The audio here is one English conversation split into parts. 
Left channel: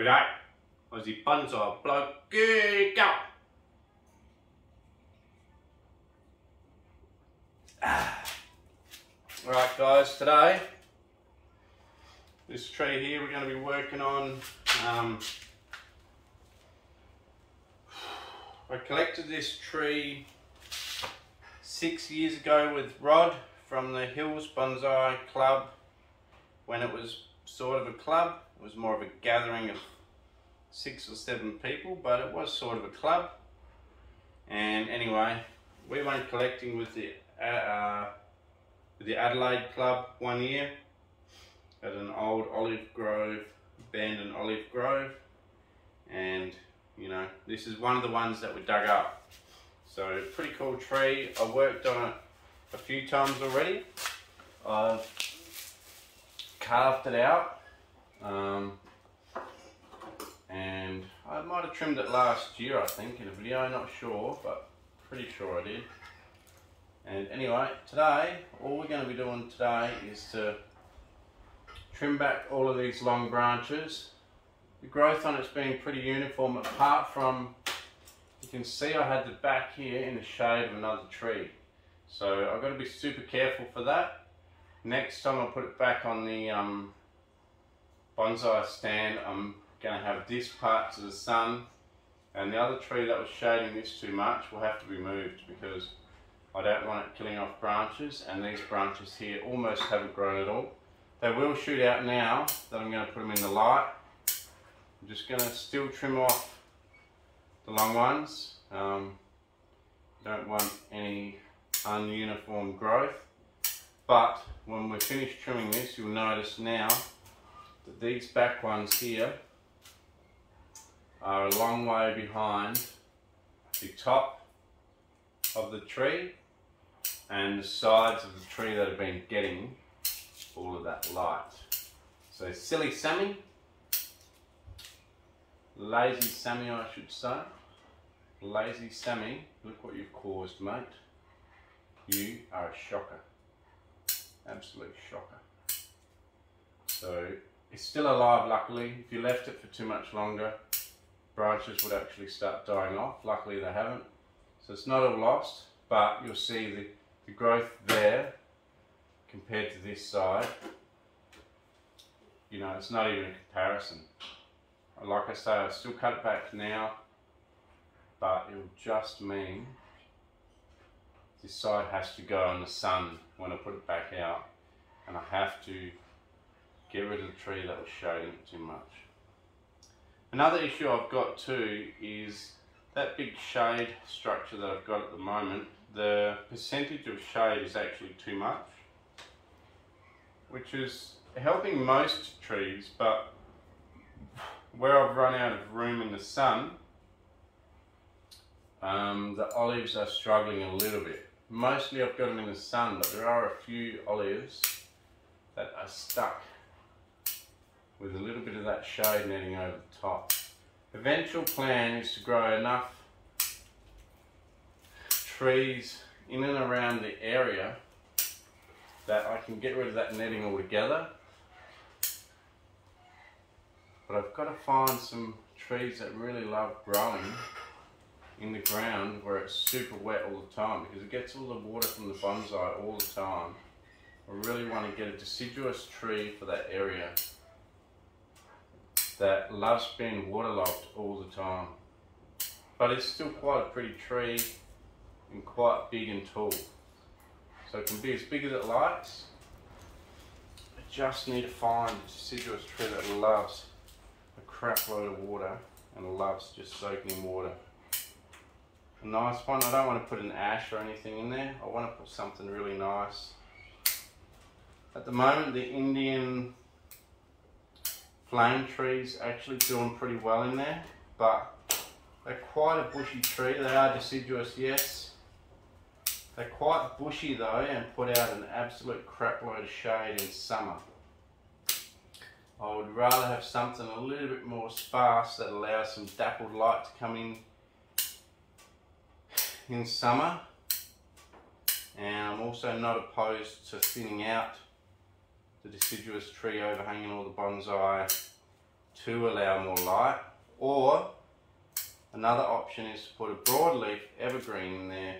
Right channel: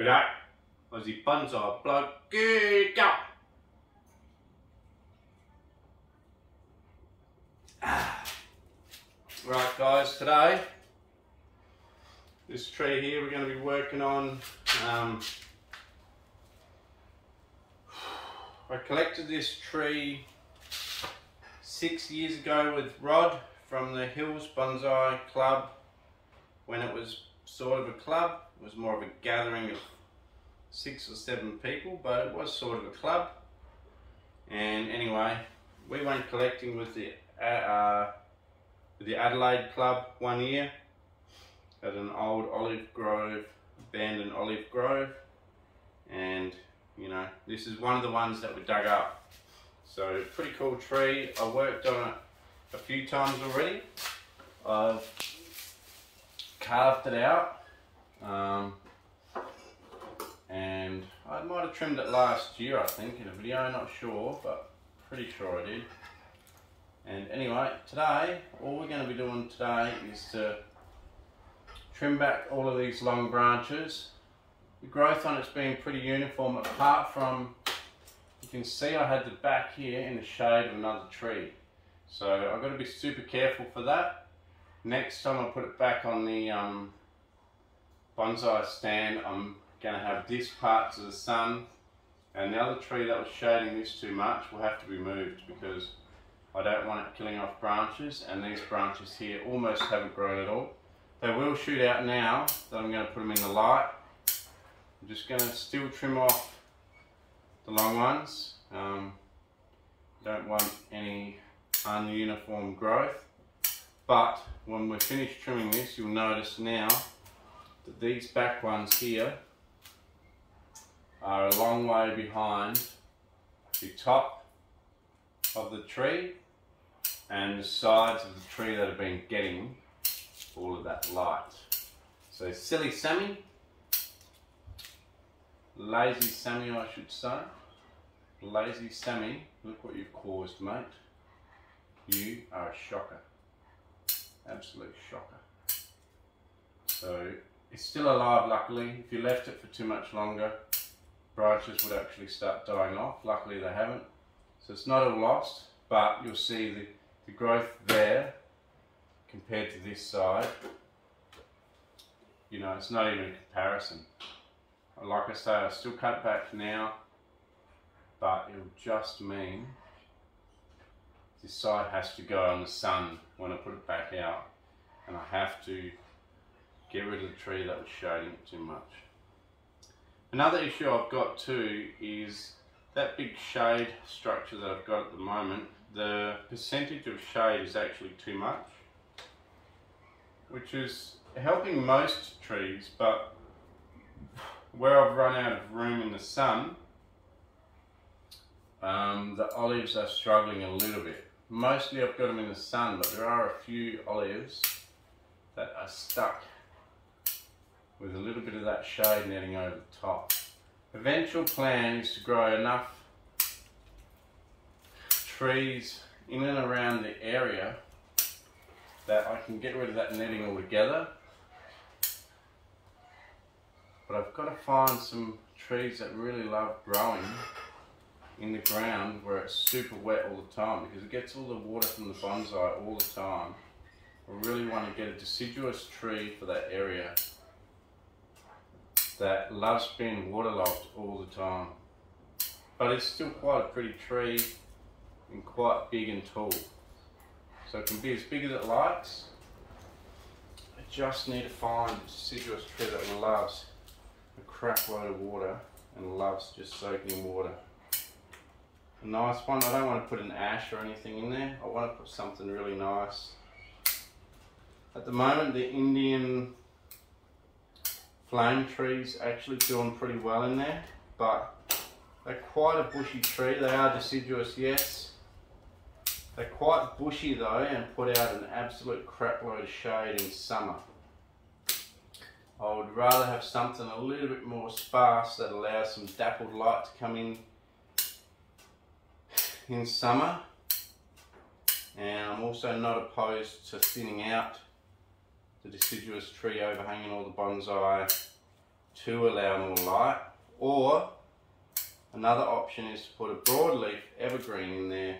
G'day, Aussie Bonsai Bloke, good go! Right guys, today, this tree here we're going to be working on, I collected this tree 6 years ago with Rod from the Hills Bonsai Club when it was sort of a club. It was more of a gathering of 6 or 7 people, but it was sort of a club. And anyway, we went collecting with the Adelaide Club one year at an old olive grove, abandoned olive grove, and you know, this is one of the ones that we dug up. So pretty cool tree. I worked on it a few times already. I've carved it out. And I might have trimmed it last year, I think, in a video, not sure, but pretty sure I did. And anyway, today, all we're going to be doing today is to trim back all of these long branches. The growth on it's been pretty uniform, apart from, you can see I had the back here in the shade of another tree. So I've got to be super careful for that. Next time I put it back on the bonsai stand, I'm going to have this part to the sun, and the other tree that was shading this too much will have to be moved because I don't want it killing off branches, and these branches here almost haven't grown at all. They will shoot out now that I'm going to put them in the light. I'm just going to still trim off the long ones. Don't want any ununiform growth, but when we're finished trimming this, you'll notice now that these back ones here are a long way behind the top of the tree and the sides of the tree that have been getting all of that light. So silly Sammy, lazy Sammy I should say, lazy Sammy, look what you've caused, mate. You are a shocker, absolute shocker. So it's still alive luckily. If you left it for too much longer, branches would actually start dying off. Luckily they haven't. So it's not all lost, but you'll see the growth there compared to this side. You know, it's not even a comparison. Like I say, I still cut it back now, but it'll just mean this side has to go on the sun when I put it back out, and I have to get rid of the tree that was shading it too much. Another issue I've got too is that big shade structure that I've got at the moment. The percentage of shade is actually too much, which is helping most trees, but where I've run out of room in the sun, the olives are struggling a little bit. Mostly I've got them in the sun, but there are a few olives that are stuck with a little bit of that shade netting over the top. Eventual plan is to grow enough trees in and around the area that I can get rid of that netting altogether. But I've got to find some trees that really love growing in the ground where it's super wet all the time, because it gets all the water from the bonsai all the time. I really want to get a deciduous tree for that area that loves being waterlogged all the time. But it's still quite a pretty tree and quite big and tall. So it can be as big as it likes. I just need to find a deciduous tree that loves a crap load of water and loves just soaking in water. A nice one. I don't want to put an ash or anything in there. I want to put something really nice. At the moment, the Indian flame trees actually doing pretty well in there, but they're quite a bushy tree. They are deciduous, yes. They're quite bushy though, and put out an absolute crap load of shade in summer. I would rather have something a little bit more sparse that allows some dappled light to come in summer. And I'm also not opposed to thinning out the deciduous tree overhanging all the bonsai to allow more light, or another option is to put a broadleaf evergreen in there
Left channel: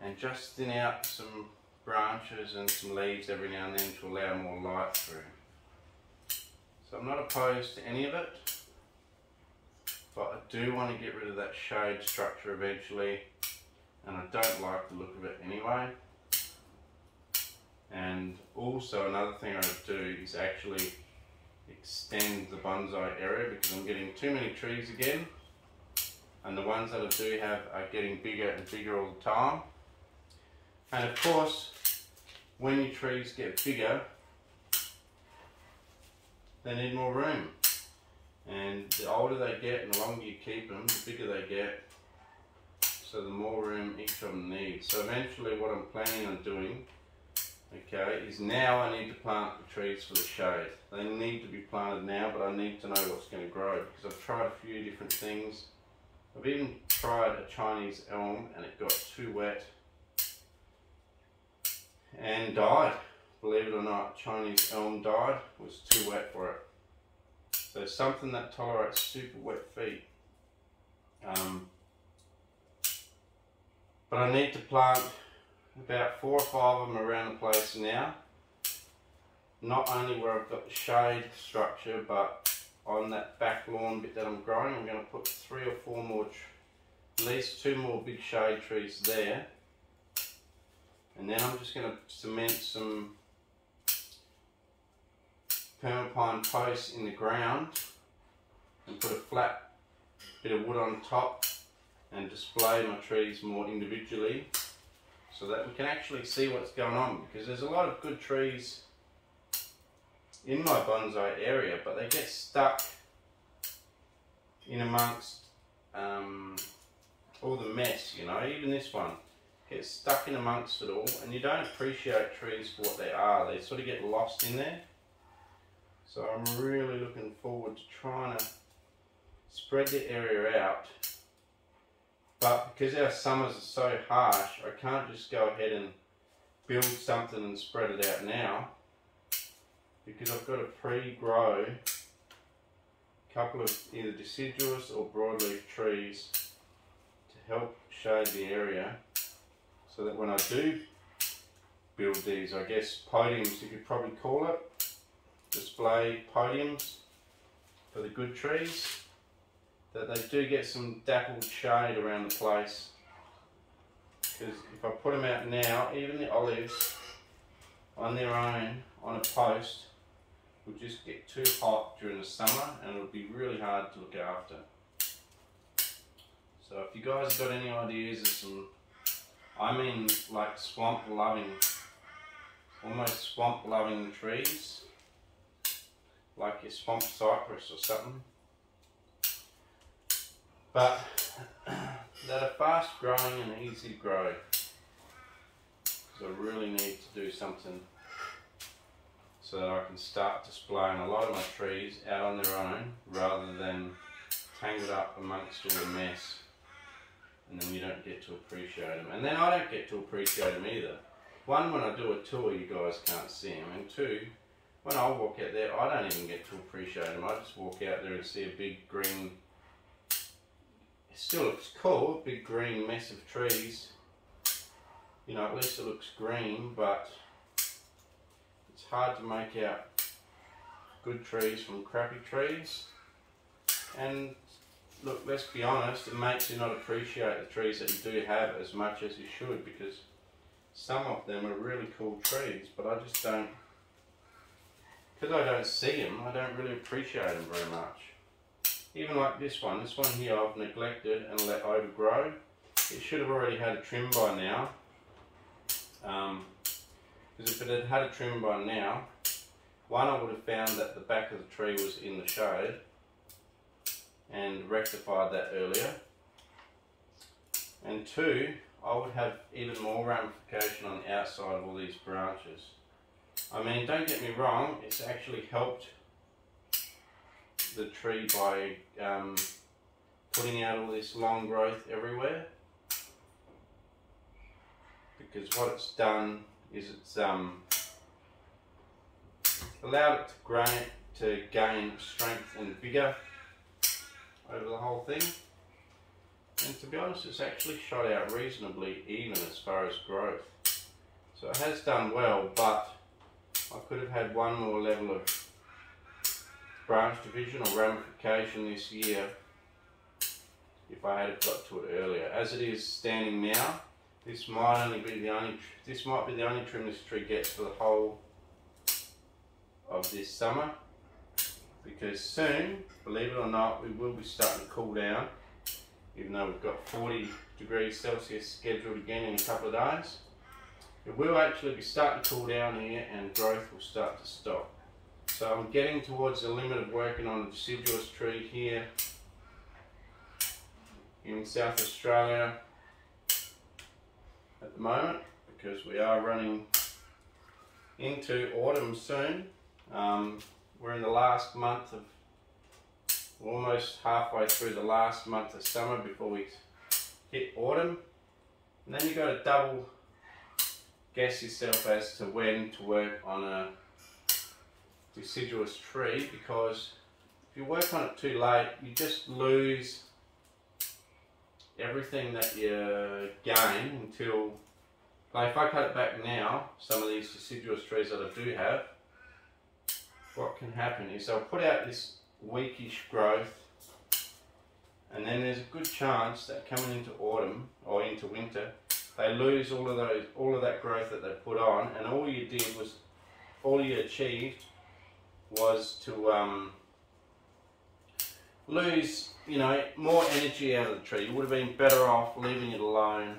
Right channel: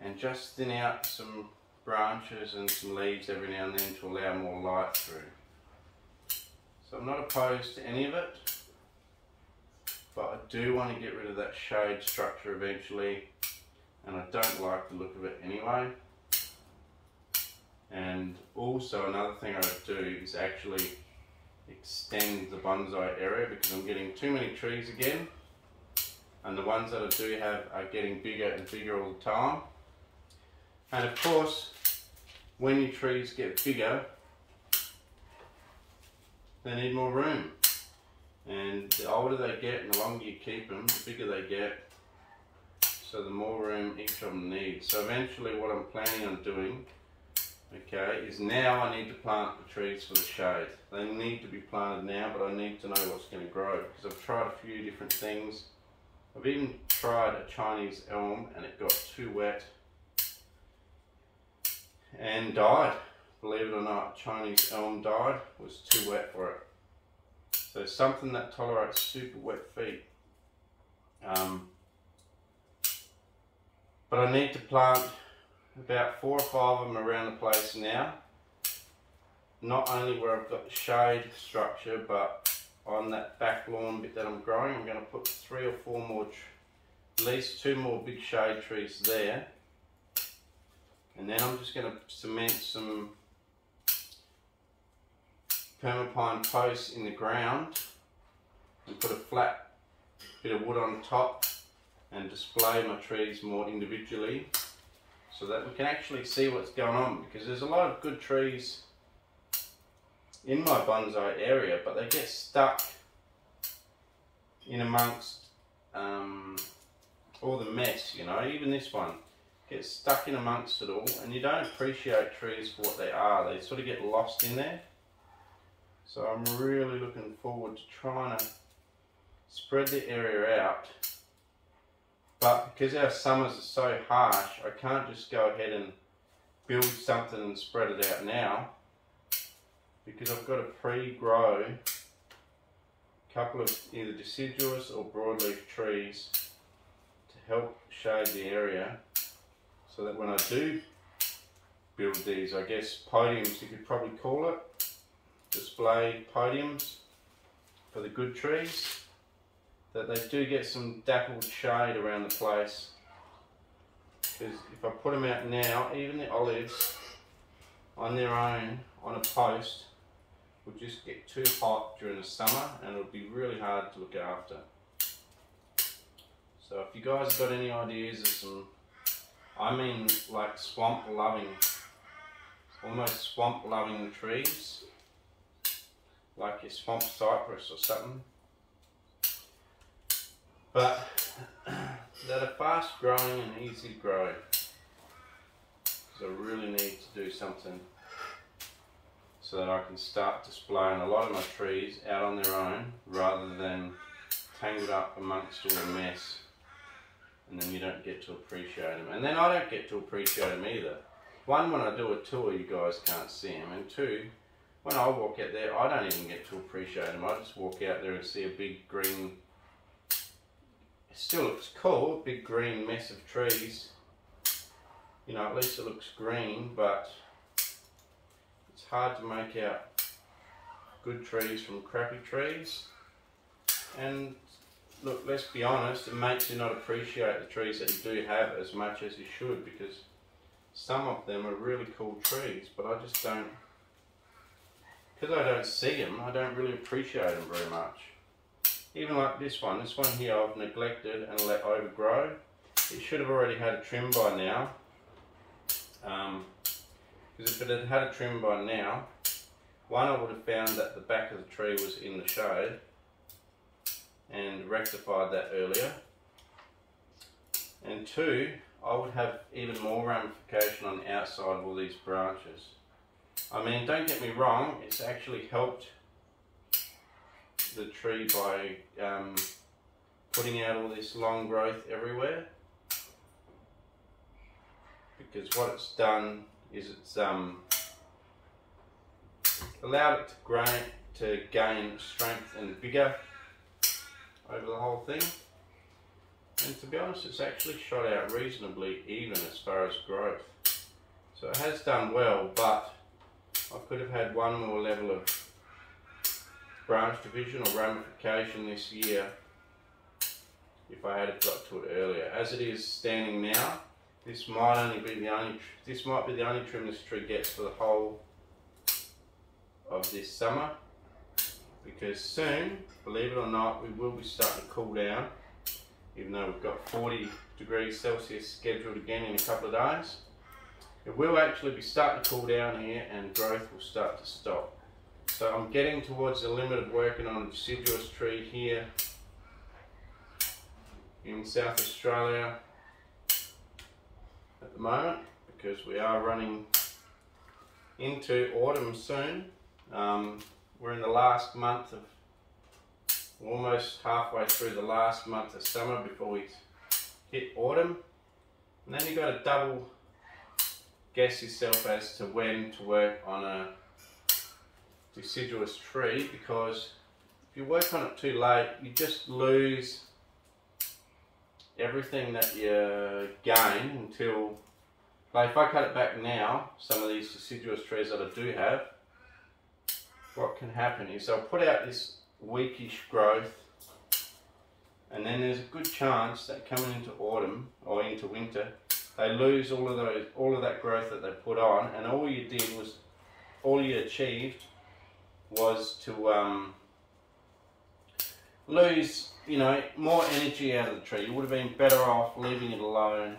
and just thin out some branches and some leaves every now and then to allow more light through. So I'm not opposed to any of it, but I do want to get rid of that shade structure eventually, and I don't like the look of it anyway. And also another thing I would do is actually extend the bonsai area, because I'm getting too many trees again, and the ones that I do have are getting bigger and bigger all the time. And of course, when your trees get bigger, they need more room, and the older they get and the longer you keep them, the bigger they get, so the more room each of them needs. So eventually what I'm planning on doing, okay, is now I need to plant the trees for the shade. They need to be planted now, but I need to know what's going to grow, because I've tried a few different things. I've even tried a Chinese elm and it got too wet and died. Believe it or not, Chinese elm died, was too wet for it. So something that tolerates super wet feet. But I need to plant about 4 or 5 of them around the place now. Not only where I've got the shade structure, but on that back lawn bit that I'm growing, I'm going to put 3 or 4 more, at least 2 more big shade trees there. And then I'm just going to cement some permapine posts in the ground and put a flat bit of wood on top and display my trees more individually, so that we can actually see what's going on, because there's a lot of good trees in my bonsai area, but they get stuck in amongst all the mess, you know. Even this one gets stuck in amongst it all, and you don't appreciate trees for what they are. They sort of get lost in there. So I'm really looking forward to trying to spread the area out. But because our summers are so harsh, I can't just go ahead and build something and spread it out now, because I've got to pre-grow a couple of either deciduous or broadleaf trees to help shade the area, so that when I do build these, I guess podiums you could probably call it, display podiums for the good trees, that they do get some dappled shade around the place. Because if I put them out now, even the olives on their own on a post would just get too hot during the summer, and it would be really hard to look after. So if you guys have got any ideas of some, I mean like swamp loving, almost swamp loving trees, like your swamp cypress or something, but that are fast growing and easy to grow, because I really need to do something so that I can start displaying a lot of my trees out on their own, rather than tangled up amongst all the mess, and then you don't get to appreciate them. And then I don't get to appreciate them either. One, when I do a tour you guys can't see them, and two, when I walk out there I don't even get to appreciate them. I just walk out there and see a big green, it still looks cool, a big green mess of trees. You know, at least it looks green, but it's hard to make out good trees from crappy trees. And look, let's be honest, it makes you not appreciate the trees that you do have as much as you should, because some of them are really cool trees, but I just don't, because I don't see them, I don't really appreciate them very much. Even like this one here I've neglected and let overgrow. It should have already had a trim by now. Because if it had had a trim by now, one, I would have found that the back of the tree was in the shade and rectified that earlier. And two, I would have even more ramification on the outside of all these branches. I mean, don't get me wrong, it's actually helped the tree by putting out all this long growth everywhere, because what it's done is it's allowed it to gain strength and vigour over the whole thing. And to be honest, it's actually shot out reasonably even as far as growth. So it has done well, but I could have had one more level of branch division or ramification this year if I had got to it earlier. As it is standing now, this might be the only trim this tree gets for the whole of this summer, because soon, believe it or not, we will be starting to cool down, even though we've got 40 degrees Celsius scheduled again in a couple of days. It will actually be starting to cool down here and growth will start to stop. So I'm getting towards the limit of working on a deciduous tree here in South Australia at the moment, because we are running into autumn soon. We're in the last month of, almost halfway through the last month of summer before we hit autumn. And then you've got to double guess yourself as to when to work on a deciduous tree, because if you work on it too late, you just lose everything that you gain until, like if I cut it back now, some of these deciduous trees that I do have, what can happen is they'll put out this weakish growth, and then there's a good chance that coming into autumn or into winter, they lose all of that growth that they put on, and all you achieved was to lose, more energy out of the tree. You would have been better off leaving it alone,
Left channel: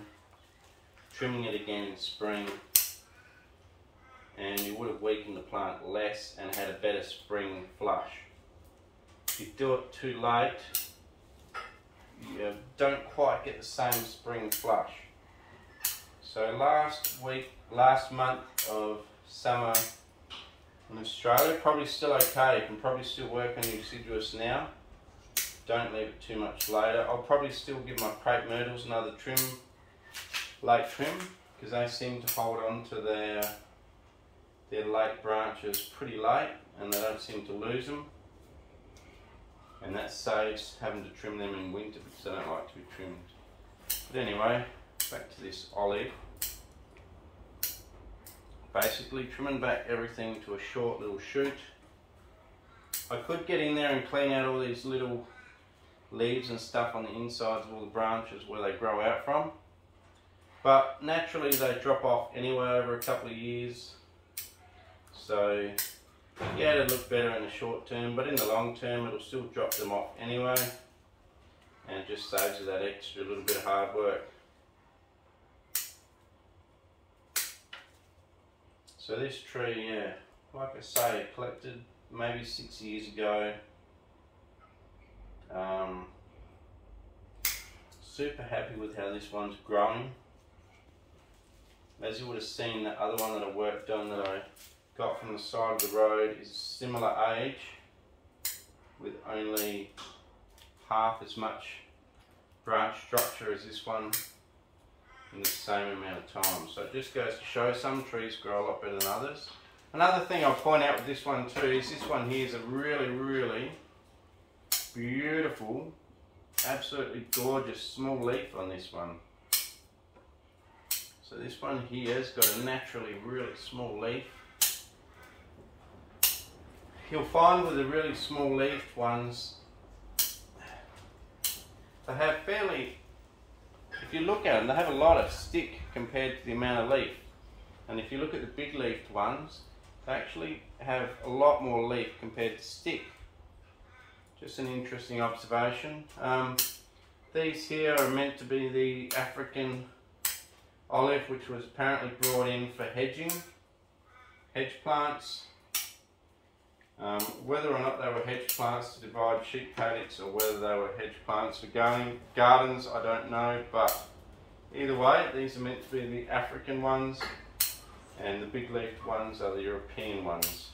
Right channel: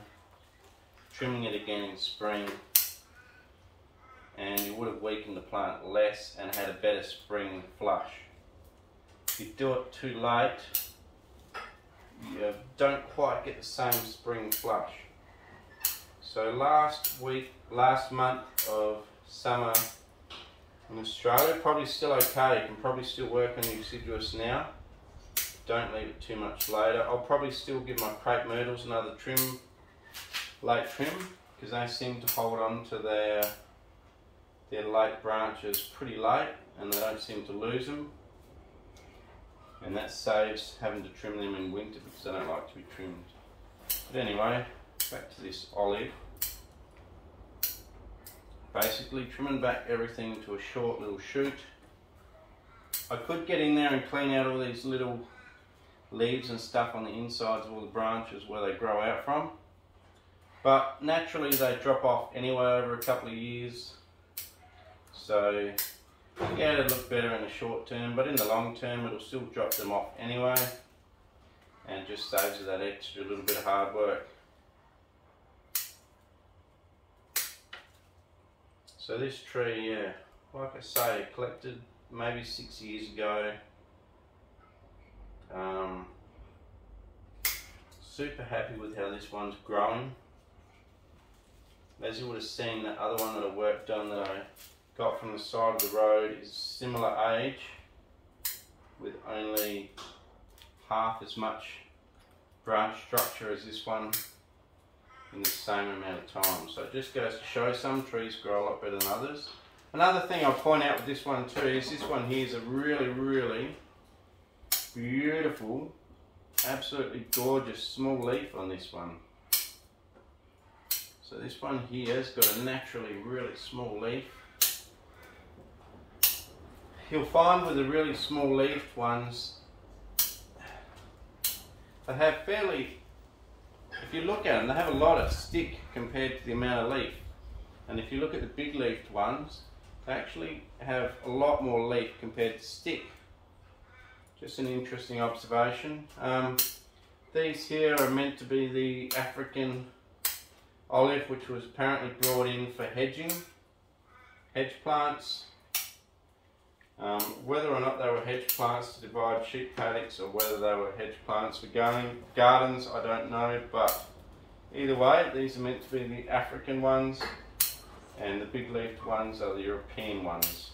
trimming it again in spring, and you would have weakened the plant less and had a better spring flush. If you do it too late, you don't quite get the same spring flush. So last month of summer in Australia, probably still okay. You can probably still work on your deciduous now. Don't leave it too much later. I'll probably still give my crepe myrtles another late trim, because they seem to hold on to their late branches pretty late and they don't seem to lose them. And that saves having to trim them in winter because they don't like to be trimmed. But anyway, back to this olive. Basically trimming back everything to a short little shoot. I could get in there and clean out all these little leaves and stuff on the insides of all the branches where they grow out from, but naturally they drop off anyway over a couple of years. So yeah, it'll look better in the short term, but in the long term it'll still drop them off anyway, and just saves you that extra little bit of hard work. So this tree, yeah, like I say, collected maybe 6 years ago. Super happy with how this one's growing. As you would have seen, that other one that I worked on that I got from the side of the road is similar age, with only half as much branch structure as this one in the same amount of time. So it just goes to show some trees grow a lot better than others. Another thing I'll point out with this one too is this one here is a really, really beautiful, absolutely gorgeous small leaf on this one. So this one here has got a naturally really small leaf. You'll find with the really small leafed ones, they have fairly, if you look at them, they have a lot of stick compared to the amount of leaf. And if you look at the big leafed ones, they actually have a lot more leaf compared to stick. Just an interesting observation. These here are meant to be the African olive, which was apparently brought in for hedging, hedge plants. Whether or not they were hedge plants to divide sheep paddocks or whether they were hedge plants for gardens, I don't know, but either way, these are meant to be the African ones and the big leafed ones are the European ones.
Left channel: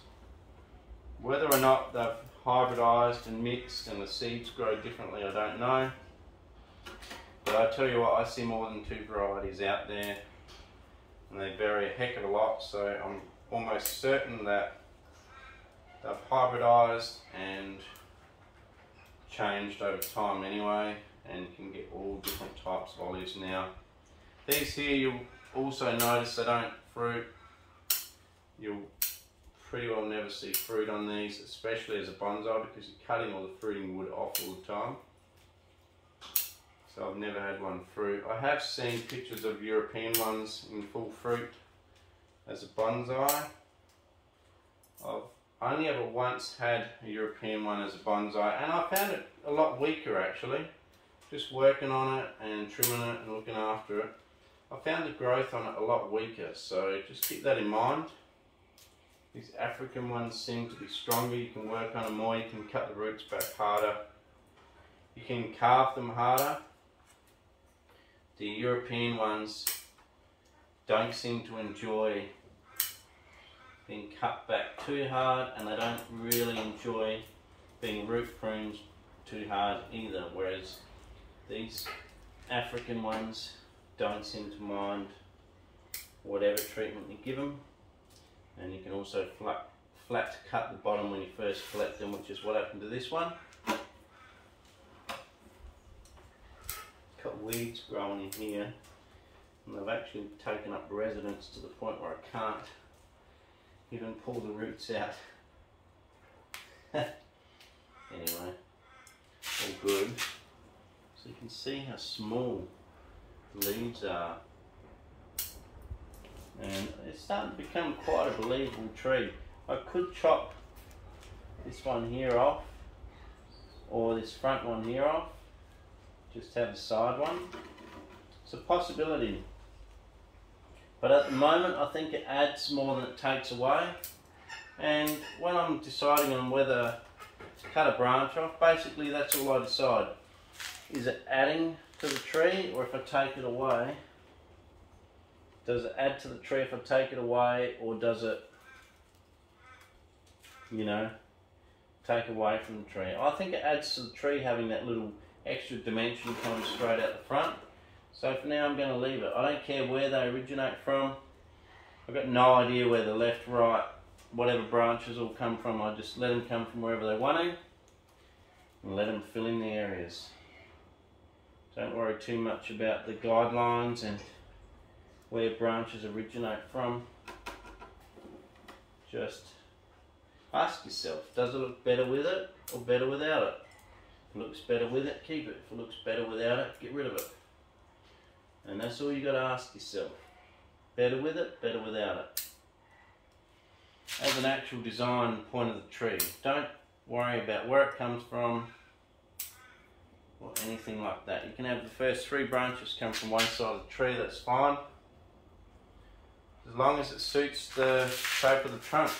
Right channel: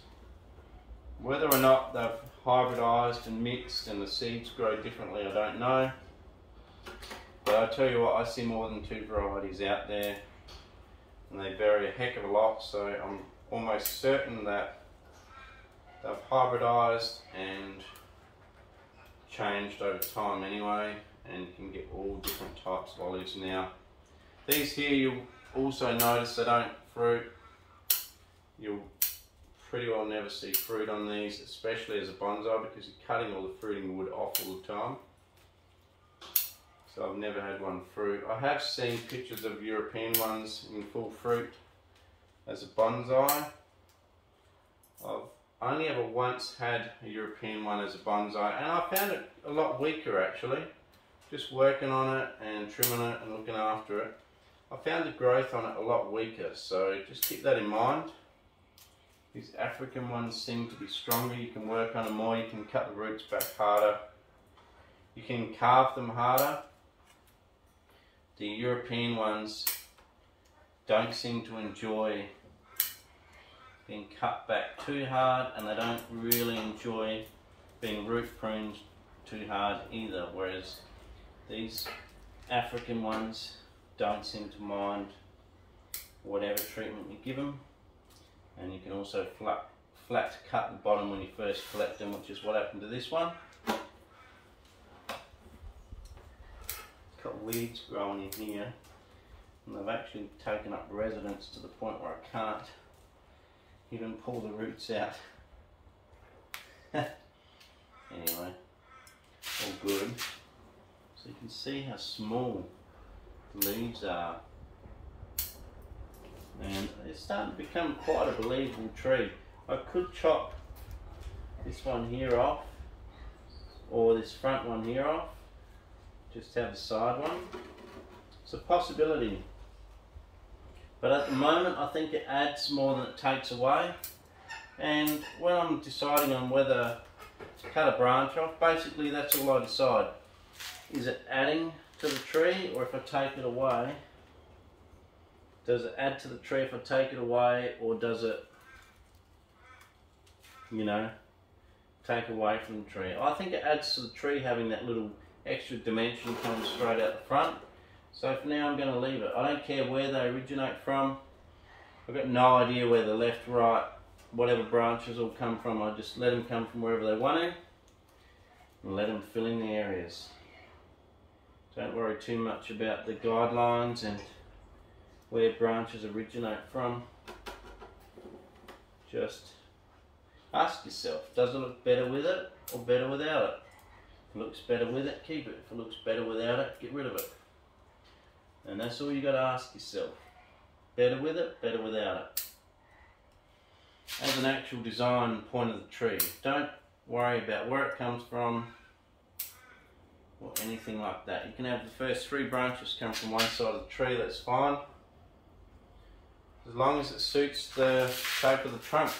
Whether or not they've hybridized and mixed and the seeds grow differently, I don't know. But I tell you what, I see more than 2 varieties out there and they vary a heck of a lot, so I'm almost certain that They've hybridized and changed over time anyway, and you can get all different types of olives now. These here, you'll also notice they don't fruit. You'll pretty well never see fruit on these, especially as a bonsai, because you're cutting all the fruiting wood off all the time. So I've never had one fruit. I have seen pictures of European ones in full fruit as a bonsai. I've only ever once had a European one as a bonsai, and I found it a lot weaker actually. Just working on it and trimming it and looking after it, I found the growth on it a lot weaker, so just keep that in mind. These African ones seem to be stronger. You can work on them more, you can cut the roots back harder, you can carve them harder. The European ones don't seem to enjoy being cut back too hard, and they don't really enjoy being root pruned too hard either, whereas these African ones don't seem to mind whatever treatment you give them. And you can also flat cut the bottom when you first collect them, which is what happened to this one. Got weeds growing in here, and they've actually taken up residence to the point where I can't even pull the roots out. Anyway, all good. So you can see how small the leaves are, and it's starting to become quite a believable tree. I could chop this one here off, or this front one here off, just have the side one. It's a possibility, but at the moment I think it adds more than it takes away. And when I'm deciding on whether to cut a branch off, basically that's all I decide. Is it adding to the tree, or if I take it away, does it add to the tree if I take it away, or does it, you know, take away from the tree? I think it adds to the tree having that little extra dimension coming straight out the front. So for now I'm going to leave it. I don't care where they originate from. I've got no idea where the left, right, whatever branches all come from. I just let them come from wherever they want to, and let them fill in the areas. Don't worry too much about the guidelines and where branches originate from. Just ask yourself, does it look better with it or better without it? If it looks better with it, keep it. If it looks better without it, get rid of it. And that's all you got to ask yourself. Better with it, better without it. As an actual design point of the tree, don't worry about where it comes from or anything like that. You can have the first 3 branches come from one side of the tree, that's fine, as long as it suits the shape of the trunk.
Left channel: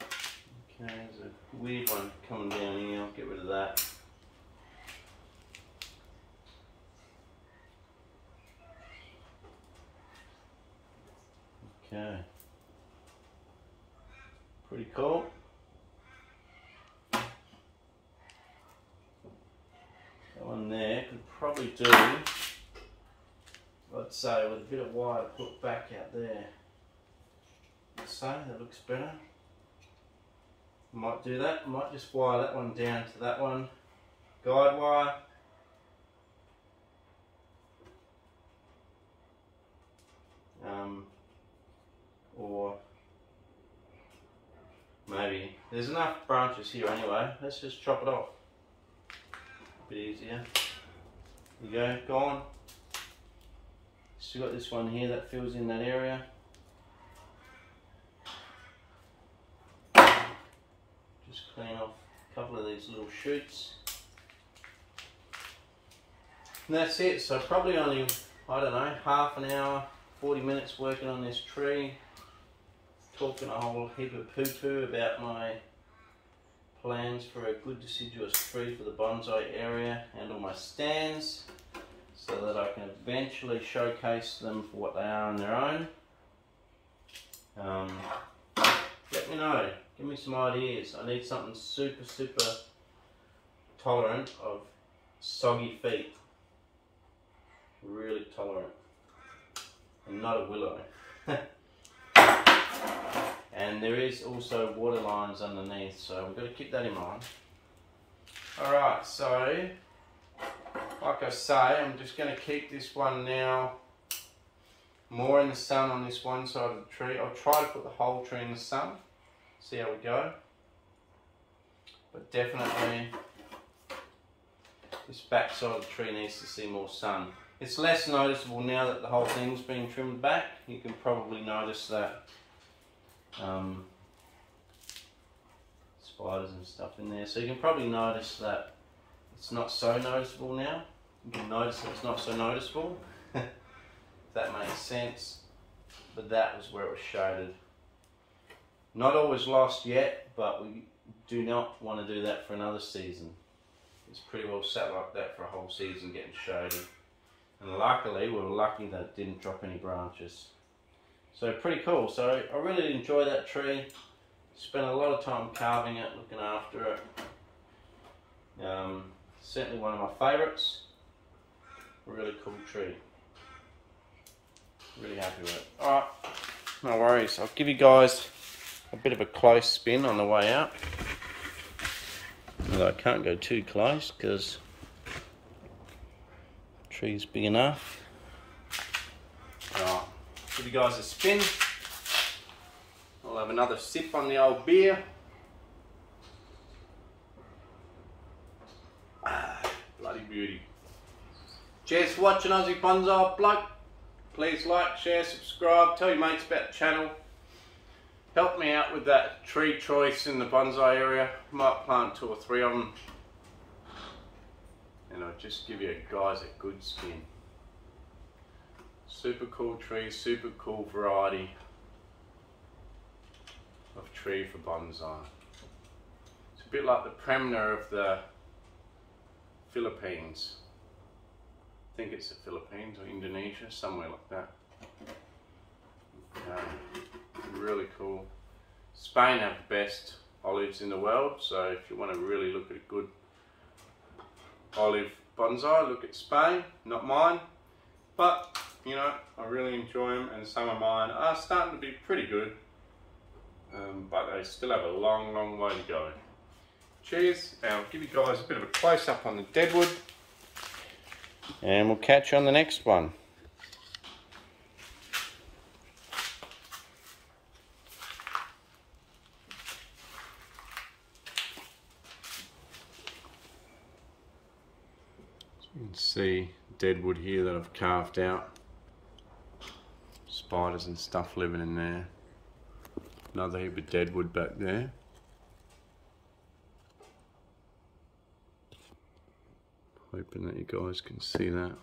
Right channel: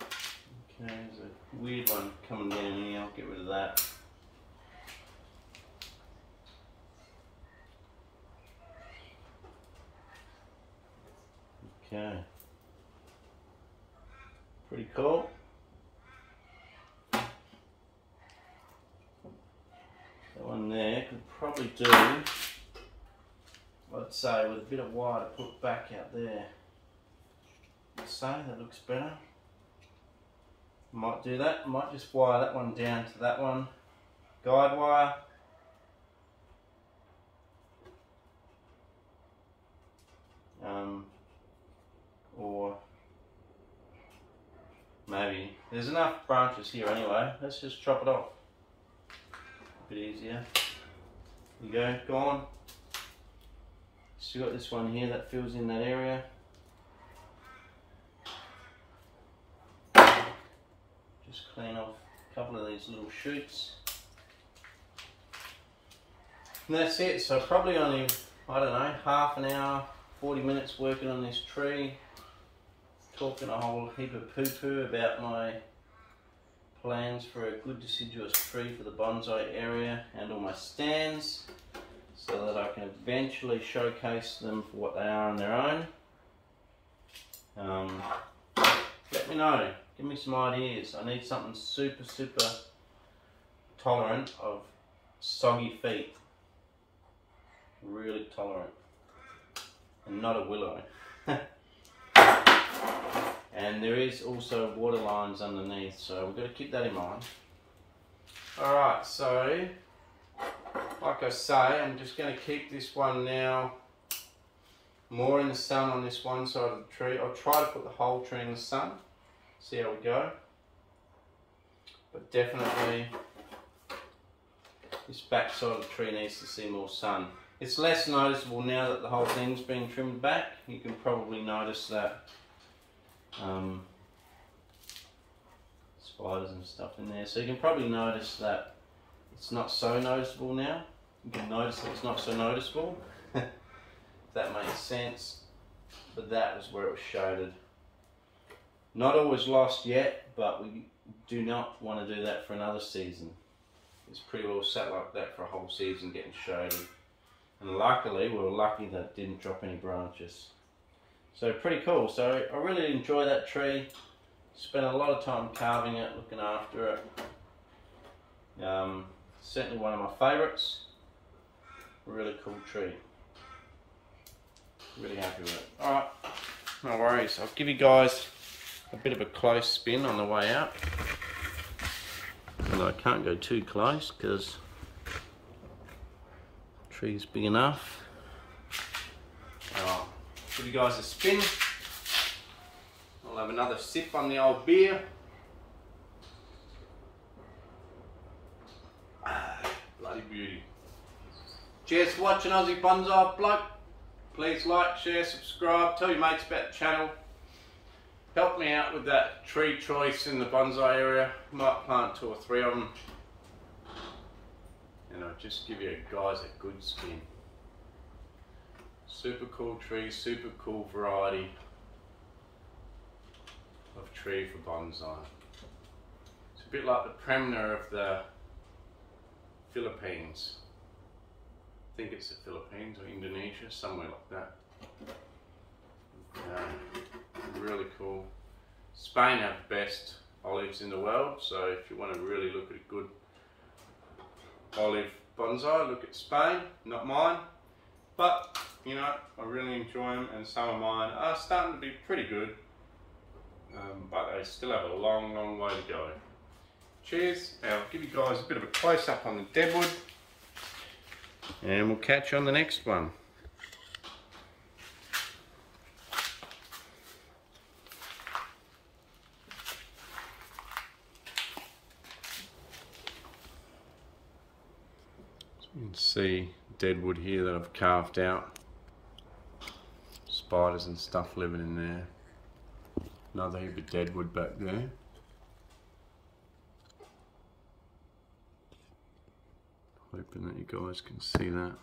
Okay, there's a weird one coming down here, I'll get rid of that. Okay, pretty cool. That one there could probably do, I'd say, with a bit of wire to put back out there. So that looks better. Might do that. Might just wire that one down to that one, guide wire. Or maybe there's enough branches here anyway. Let's just chop it off. A bit easier. There you go, gone. Still got this one here that fills in that area. Just clean off a couple of these little shoots. And that's it. So probably only, I don't know, half an hour, 40 minutes working on this tree. Talking a whole heap of poo-poo about my plans for a good deciduous tree for the bonsai area and all my stands, so that I can eventually showcase them for what they are on their own. Let me know, give me some ideas. I need something super tolerant of soggy feet, really tolerant, and not a willow. and there is also water lines underneath, so we've got to keep that in mind. Alright, so like I say, I'm just going to keep this one now more in the sun on this one side of the tree. I'll try to put the whole tree in the sun, see how we go. But definitely this back side of the tree needs to see more sun. It's less noticeable now that the whole thing's been trimmed back. You can probably notice that spiders and stuff in there. So you can probably notice that it's not so noticeable now. You can notice that it's not so noticeable. If that makes sense. But that was where it was shaded. Not always lost yet, but we do not want to do that for another season. It's pretty well sat like that for a whole season getting shaded. And luckily, we were lucky that it didn't drop any branches. So pretty cool. So I really enjoy that tree. Spent a lot of time carving it, looking after it. Certainly one of my favourites. Really cool tree. Really happy with it. Alright, no worries. I'll give you guys a bit of a close spin on the way out. Although I can't go too close because the tree's big enough. Alright, give you guys a spin. I'll have another sip on the old beer. Bloody beauty. Cheers for watching Aussie Bonsai Bloke. Please like, share, subscribe, tell your mates about the channel. Help me out with that tree choice in the bonsai area. Might plant 2 or 3 of them. And I'll just give you guys a good spin. Super cool tree, super cool variety of tree for bonsai. It's a bit like the Premier of the Philippines. I think it's the Philippines or Indonesia, somewhere like that. Really cool. Spain have the best olives in the world, so if you want to really look at a good olive bonsai, look at Spain, not mine. But, you know, I really enjoy them, and some of mine are starting to be pretty good. But they still have a long, long way to go. Cheers, and I'll give you guys a bit of a close-up on the deadwood. And we'll catch you on the next one. So you can see deadwood here that I've carved out. Spiders and stuff living in there. Another heap of deadwood back there. Hoping that you guys can see that.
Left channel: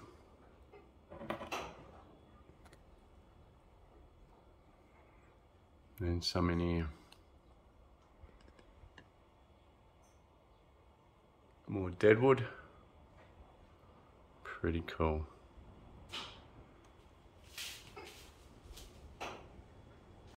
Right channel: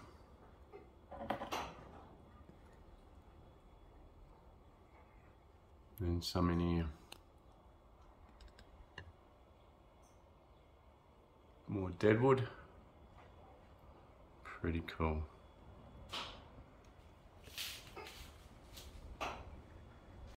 And some in here. More deadwood. Pretty cool.